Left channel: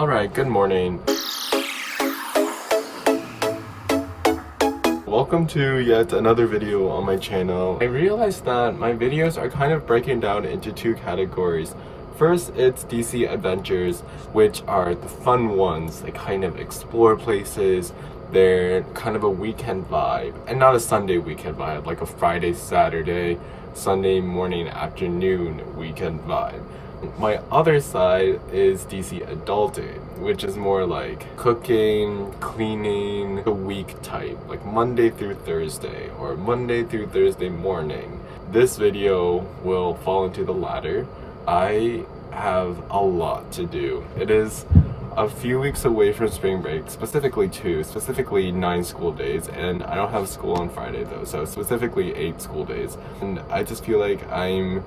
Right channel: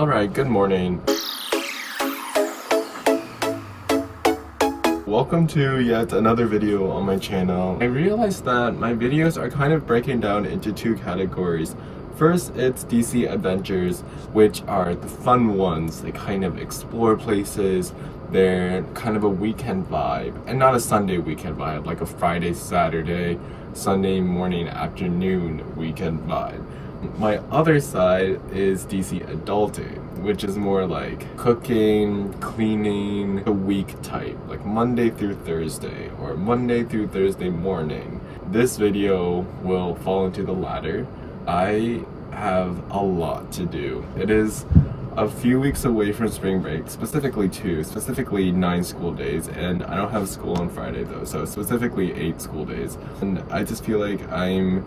Alright, good morning. Welcome to yet another video on my channel. I realized that my videos are kind of breaking down into two categories. First, it's DC Adventures, which are the fun ones. They kind of explore places. They're kind of a weekend vibe, and not a Sunday weekend vibe, like a Friday, Saturday, Sunday morning, afternoon weekend vibe. My other side is DC Adulting, which is more like cooking, cleaning, the week type, like Monday through Thursday or Monday through Thursday morning. This video will fall into the latter. I have a lot to do. It is a few weeks away from spring break, specifically 9 school days, and I don't have school on Friday though, so specifically 8 school days. And I just feel like I'm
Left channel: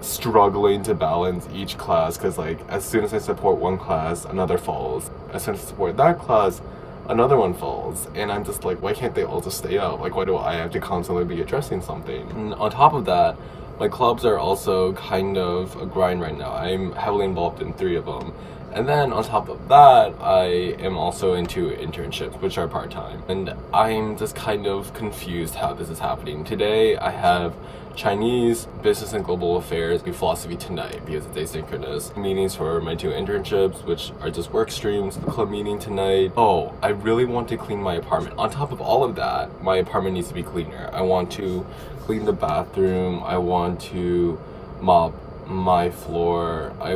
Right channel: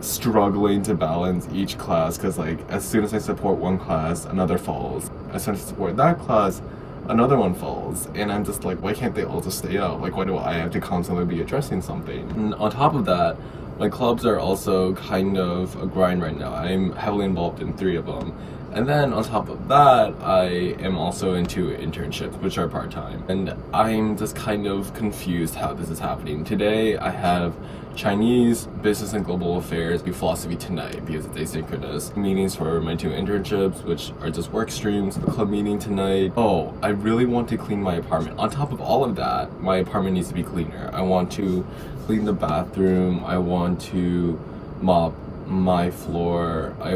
struggling to balance each class, because like as soon as I support one class, another falls. As soon as I support that class, another one falls, and I'm just like, why can't they all just stay out? Like, why do I have to constantly be addressing something? And on top of that, my clubs are also kind of a grind right now. I'm heavily involved in 3 of them. And then on top of that, I am also into internships, which are part-time. And I'm just kind of confused how this is happening. Today, I have Chinese, Business and Global Affairs, and Philosophy tonight because it's asynchronous. Meetings for my 2 internships, which are just work streams. The club meeting tonight. Oh, I really want to clean my apartment. On top of all of that, my apartment needs to be cleaner. I want to clean the bathroom. I want to mop my floor. I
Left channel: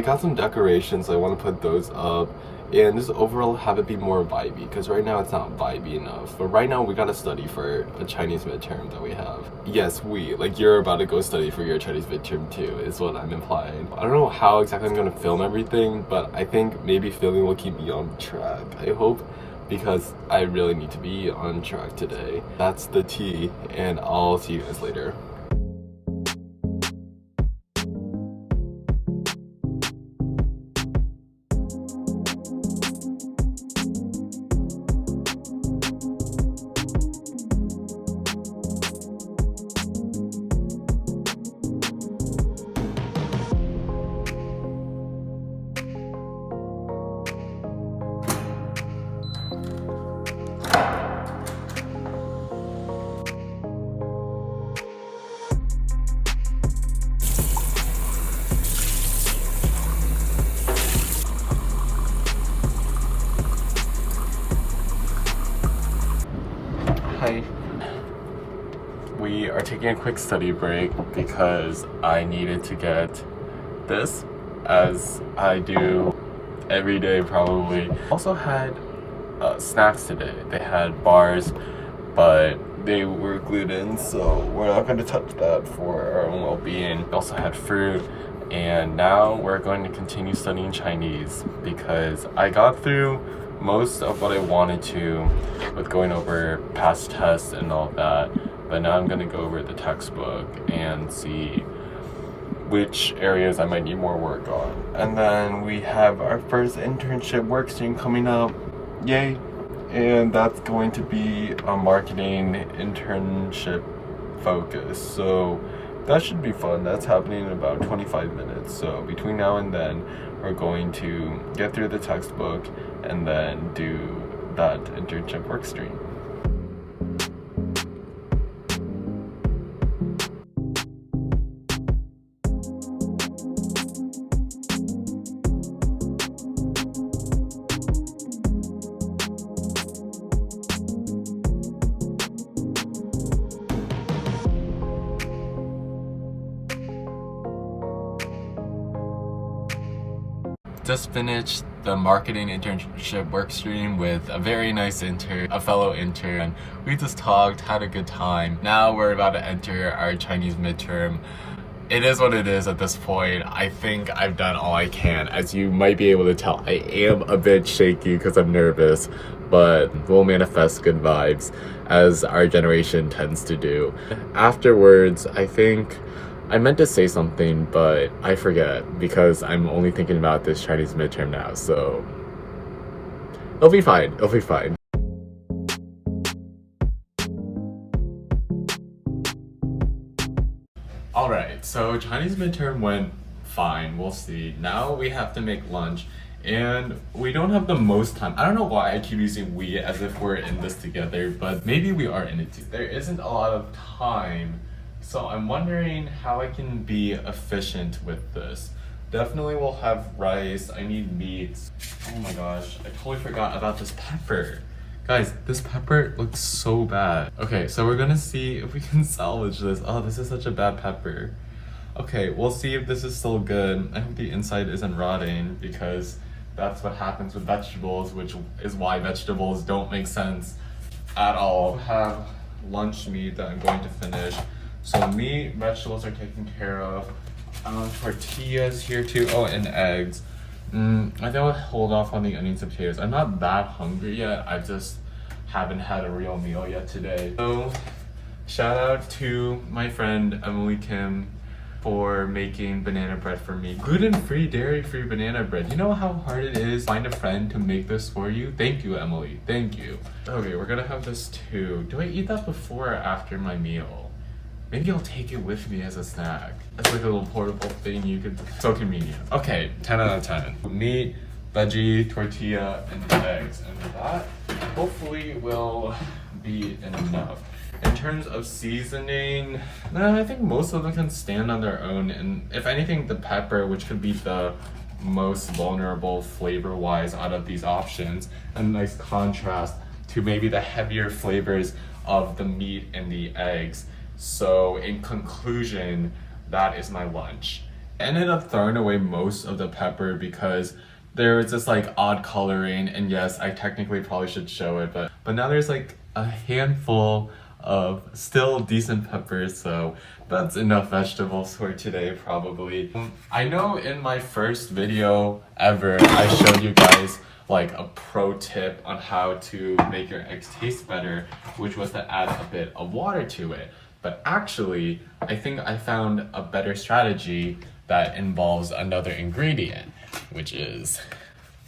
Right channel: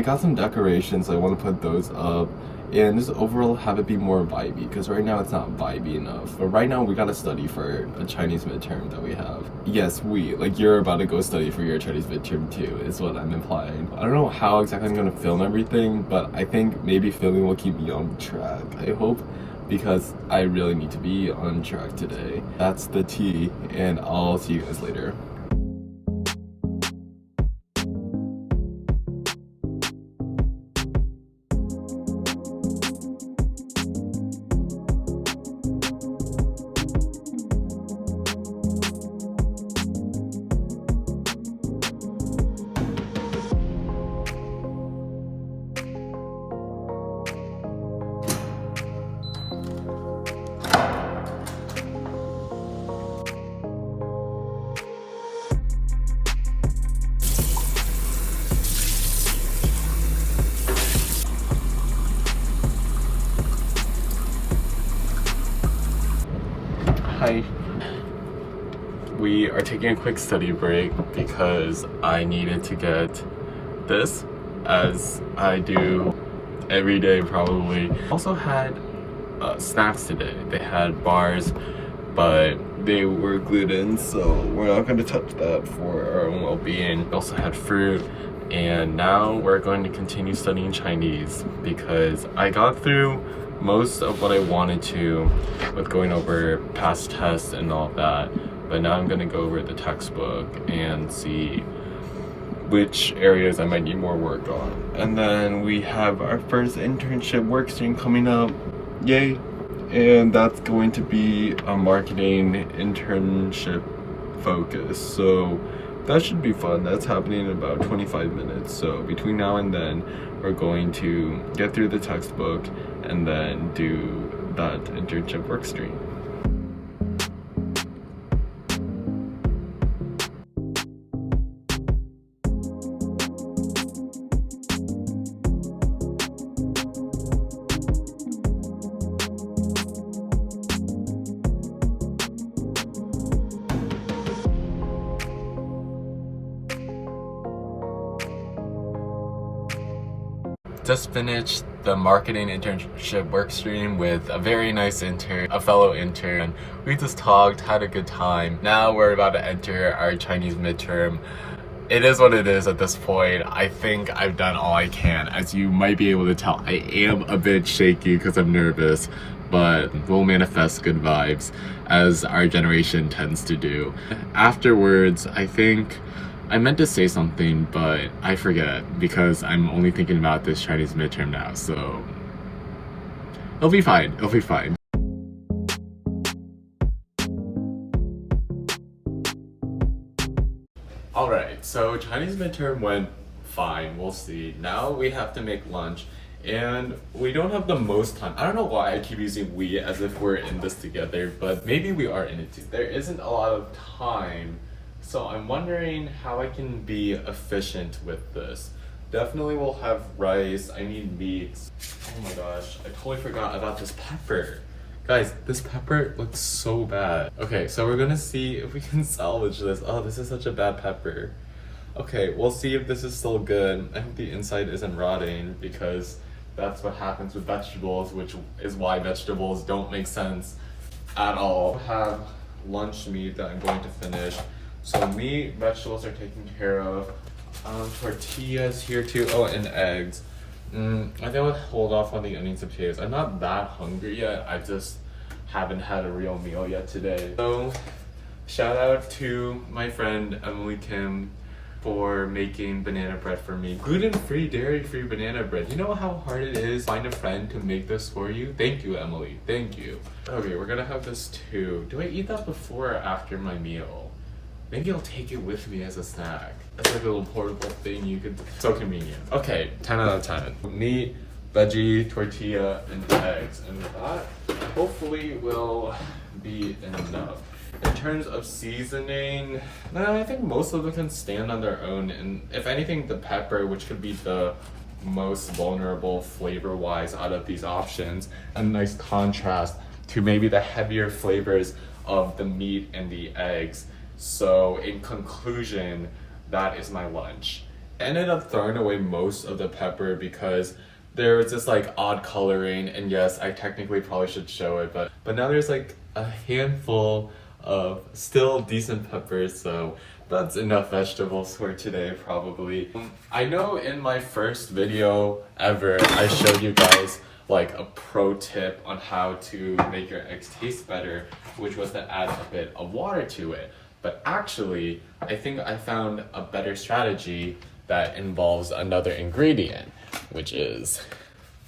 got some decorations. I want to put those up and just overall have it be more vibey, because right now it's not vibey enough. But right now we gotta study for a Chinese midterm that we have. Yes, like you're about to go study for your Chinese midterm too, is what I'm implying. I don't know how exactly I'm gonna film everything, but I think maybe filming will keep me on track, I hope, because I really need to be on track today. That's the tea, and I'll see you guys later. Hi. We are taking a quick study break because I needed to get this, as I do every day probably. Also had snacks today. They had bars, but they were gluten, so we're not going to touch that for our own well-being. Also had fruit, and now we're going to continue studying Chinese because I got through most of what I wanted to with going over past tests and all that, but now I'm gonna go over the textbook and see which areas I might need more work on. And then we have our first internship work stream coming up, yay! And that's going to be a marketing internship focus, so that should be fun. That's happening in about 25 minutes. So between now and then, we're going to get through the textbook and then do that internship work stream. Just finished the marketing internship work stream with a very nice intern, a fellow intern. We just talked, had a good time. Now we're about to enter our Chinese midterm. It is what it is at this point. I think I've done all I can. As you might be able to tell, I am a bit shaky because I'm nervous, but we'll manifest good vibes as our generation tends to do. Afterwards, I think I meant to say something, but I forget because I'm only thinking about this Chinese midterm now, so it'll be fine, it'll be fine. Alright, so Chinese midterm went fine, we'll see. Now we have to make lunch, and we don't have the most time. I don't know why I keep using we as if we're in this together, but maybe we are in it too. There isn't a lot of time, so I'm wondering how I can be efficient with this. Definitely will have rice. I need meats. Oh my gosh, I totally forgot about this pepper. Guys, this pepper looks so bad. Okay, so we're gonna see if we can salvage this. Oh, this is such a bad pepper. Okay, we'll see if this is still good. I hope the inside isn't rotting, because that's what happens with vegetables, which is why vegetables don't make sense at all. Have lunch meat that I'm going to finish. So meat, vegetables are taken care of. Tortillas here too. Oh, and eggs. I think I'll hold off on the onions and potatoes. I'm not that hungry yet. I just haven't had a real meal yet today. So shout out to my friend Emily Kim for making banana bread for me. Gluten-free, dairy-free banana bread. You know how hard it is to find a friend to make this for you? Thank you, Emily. Thank you. Okay, we're gonna have this too. Do I eat that before or after my meal? Maybe I'll take it with me as a snack. It's like a little portable thing you could, so convenient. Okay, 10 out of 10. Meat, veggie, tortilla, and eggs. And that hopefully will be enough. In terms of seasoning, I think most of them can stand on their own. And if anything, the pepper, which could be the most vulnerable flavor-wise out of these options, a nice contrast to maybe the heavier flavors of the meat and the eggs. So in conclusion, that is my lunch. I ended up throwing away most of the pepper because there was this like odd coloring, and yes, I technically probably should show it, but now there's like a handful of still decent peppers, so that's enough vegetables for today probably. I know in my first video ever, I showed you guys like a pro tip on how to make your eggs taste better, which was to add a bit of water to it. But actually, I think I found a better strategy that involves another ingredient, which is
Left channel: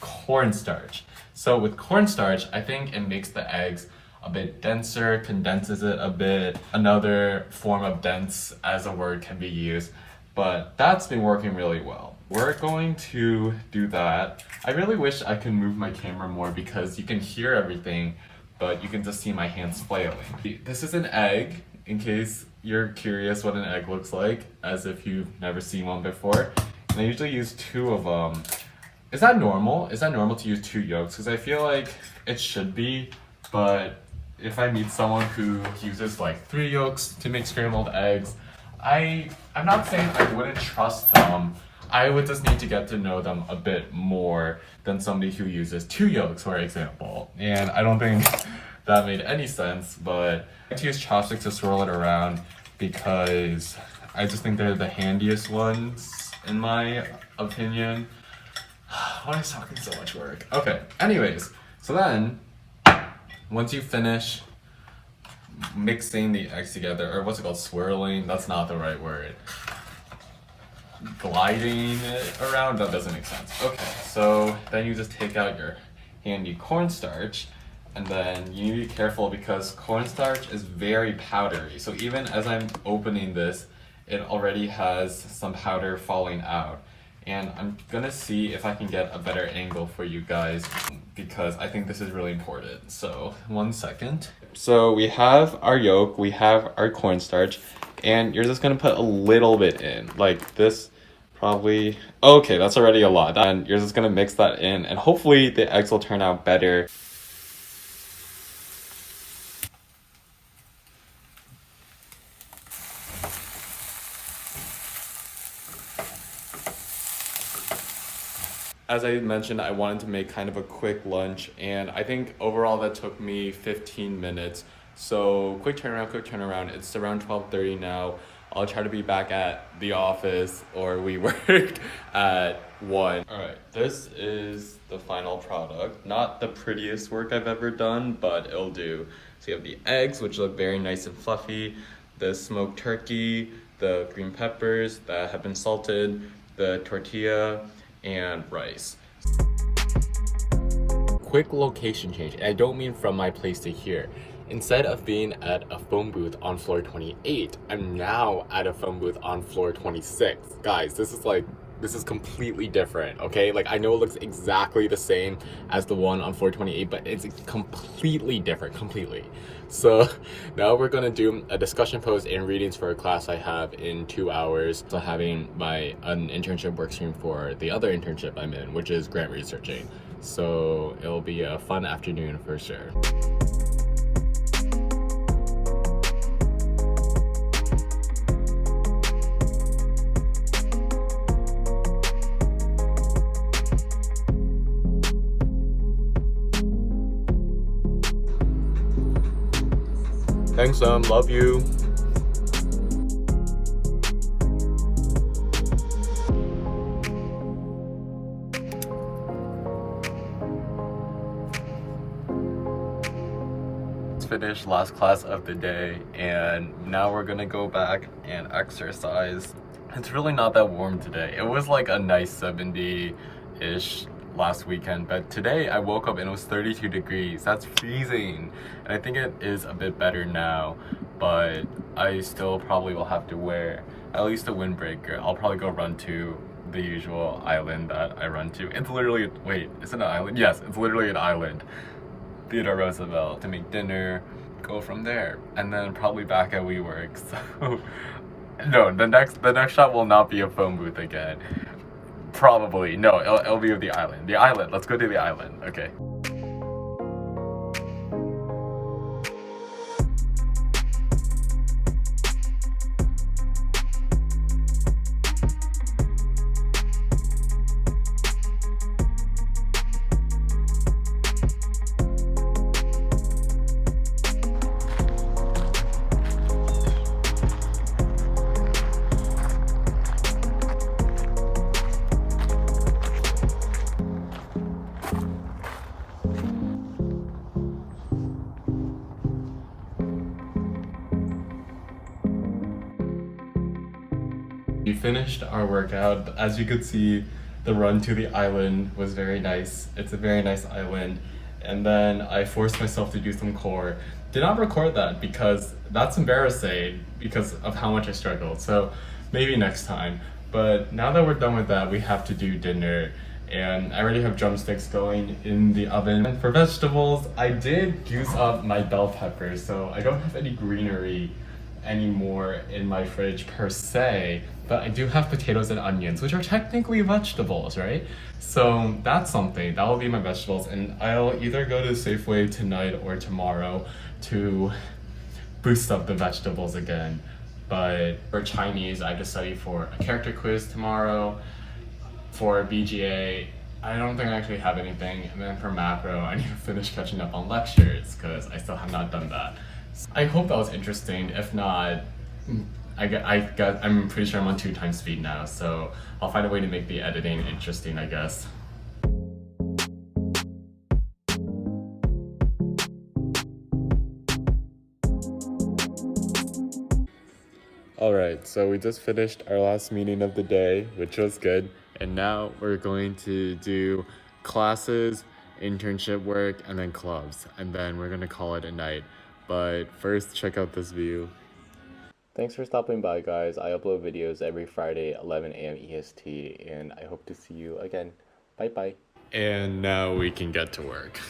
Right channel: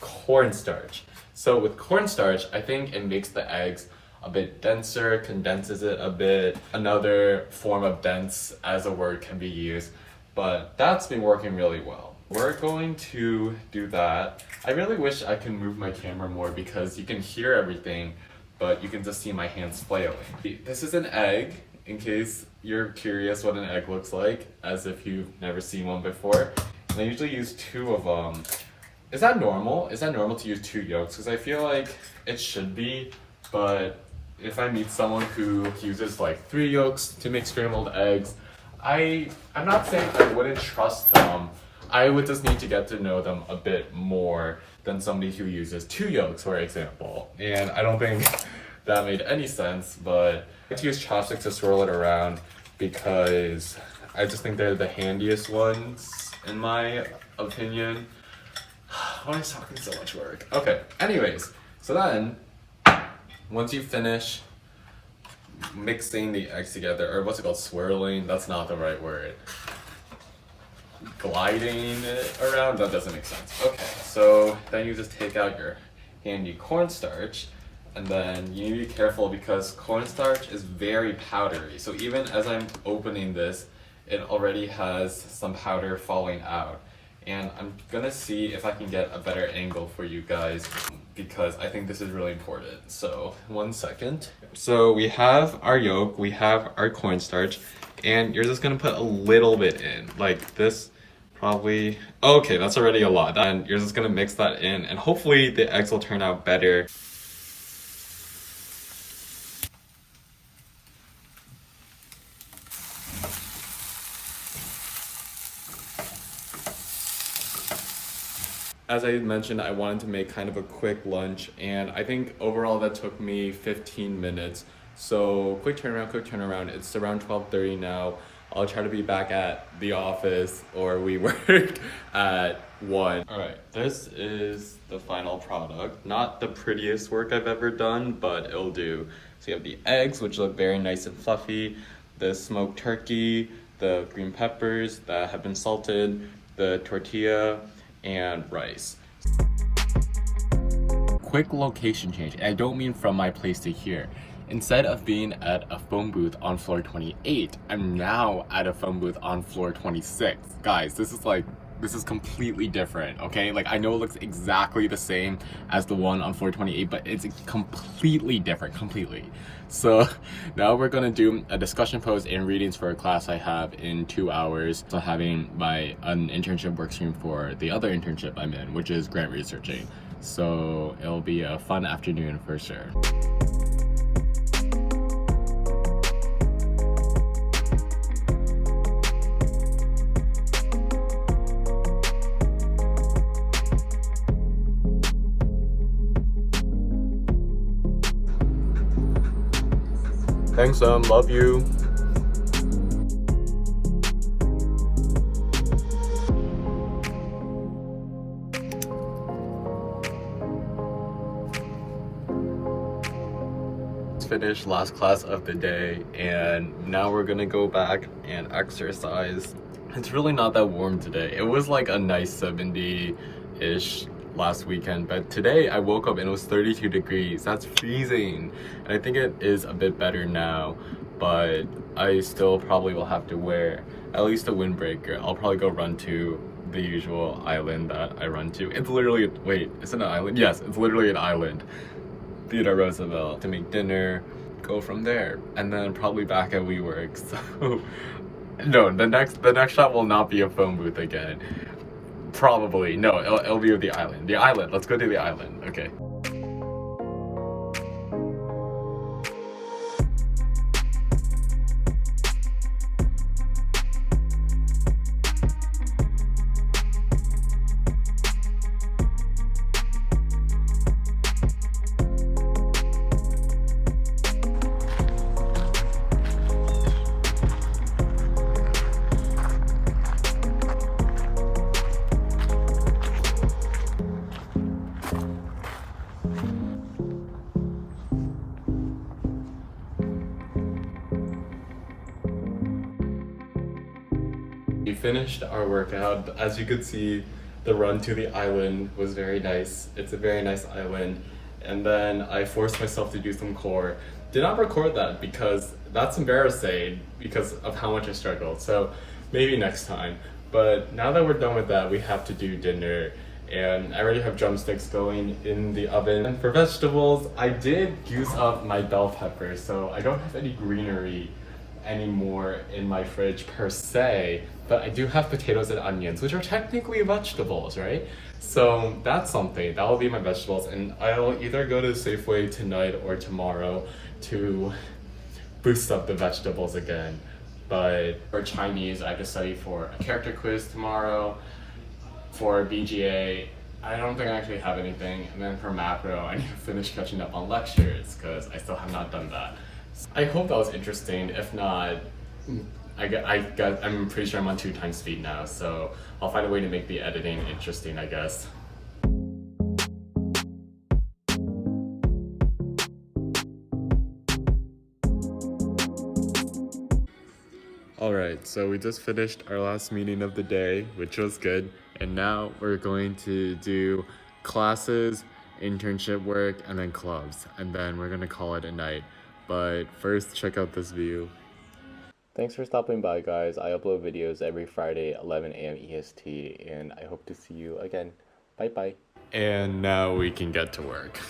cornstarch. So with cornstarch, I think it makes the eggs a bit denser, condenses it a bit. Another form of dense as a word can be used, but that's been working really well. We're going to do that. I really wish I could move my camera more because you can hear everything, but you can just see my hands flailing. This is an egg, in case you're curious what an egg looks like, as if you've never seen one before. And I usually use 2 of them. Is that normal? Is that normal to use 2 yolks? Because I feel like it should be, but if I meet someone who uses like 3 yolks to make scrambled eggs, I'm not saying I wouldn't trust them. I would just need to get to know them a bit more than somebody who uses 2 yolks, for example. And I don't think that made any sense, but I like to use chopsticks to swirl it around because I just think they're the handiest ones, in my opinion. Why is talking so much work? Okay, anyways, so then, once you finish mixing the eggs together, or what's it called, swirling, that's not the right word. Gliding it around, that doesn't make sense. Okay, so then you just take out your handy cornstarch, and then you need to be careful because cornstarch is very powdery. So even as I'm opening this, it already has some powder falling out. And I'm gonna see if I can get a better angle for you guys because I think this is really important. So 1 second. So we have our yolk, we have our cornstarch, and you're just gonna put a little bit in, like this probably, okay, that's already a lot. And you're just gonna mix that in and hopefully the eggs will turn out better. As I mentioned, I wanted to make kind of a quick lunch, and I think overall that took me 15 minutes. So quick turnaround. It's around 12:30 now. I'll try to be back at the office, or we work at 1. All right, this is the final product. Not the prettiest work I've ever done, but it'll do. So you have the eggs, which look very nice and fluffy, the smoked turkey, the green peppers that have been salted, the tortilla, and rice. Quick location change. I don't mean from my place to here. Instead of being at a phone booth on floor 28, I'm now at a phone booth on floor 26. Guys, this is like this is completely different, okay? Like, I know it looks exactly the same as the one on 428, but it's completely different, completely. So now we're gonna do a discussion post and readings for a class I have in 2 hours. So having an internship work stream for the other internship I'm in, which is grant researching. So it'll be a fun afternoon for sure. Thanks, love you. Finished last class of the day, and now we're gonna go back and exercise. It's really not that warm today. It was like a nice 70-ish last weekend, but today I woke up and it was 32 degrees. That's freezing, and I think it is a bit better now, but I still probably will have to wear at least a windbreaker. I'll probably go run to the usual island that I run to. It's literally, wait, is it an island? Yes, it's literally an island. Theodore Roosevelt, to make dinner, go from there, and then probably back at WeWork. So no, the next shot will not be a phone booth again. Probably no, it'll be with the island. The island. Let's go to the island. Okay. We finished our workout. As you could see, the run to the island was very nice. It's a very nice island. And then I forced myself to do some core. Did not record that because that's embarrassing because of how much I struggled. So maybe next time. But now that we're done with that, we have to do dinner. And I already have drumsticks going in the oven. And for vegetables, I did use up my bell peppers, so I don't have any greenery anymore in my fridge per se, but I do have potatoes and onions, which are technically vegetables, right? So that's something. That will be my vegetables, and I'll either go to Safeway tonight or tomorrow to boost up the vegetables again. But for Chinese, I have to study for a character quiz tomorrow. For BGA, I don't think I actually have anything. And then for macro, I need to finish catching up on lectures because I still have not done that. I hope that was interesting. If not, I'm pretty sure I'm on 2 times speed now, so I'll find a way to make the editing interesting, I guess. Alright, so we just finished our last meeting of the day, which was good, and now we're going to do classes, internship work, and then clubs, and then we're gonna call it a night. But first, check out this view. Thanks for stopping by, guys. I upload videos every Friday, 11 a.m. EST, and I hope to see you again. Bye-bye. And now we can get to work.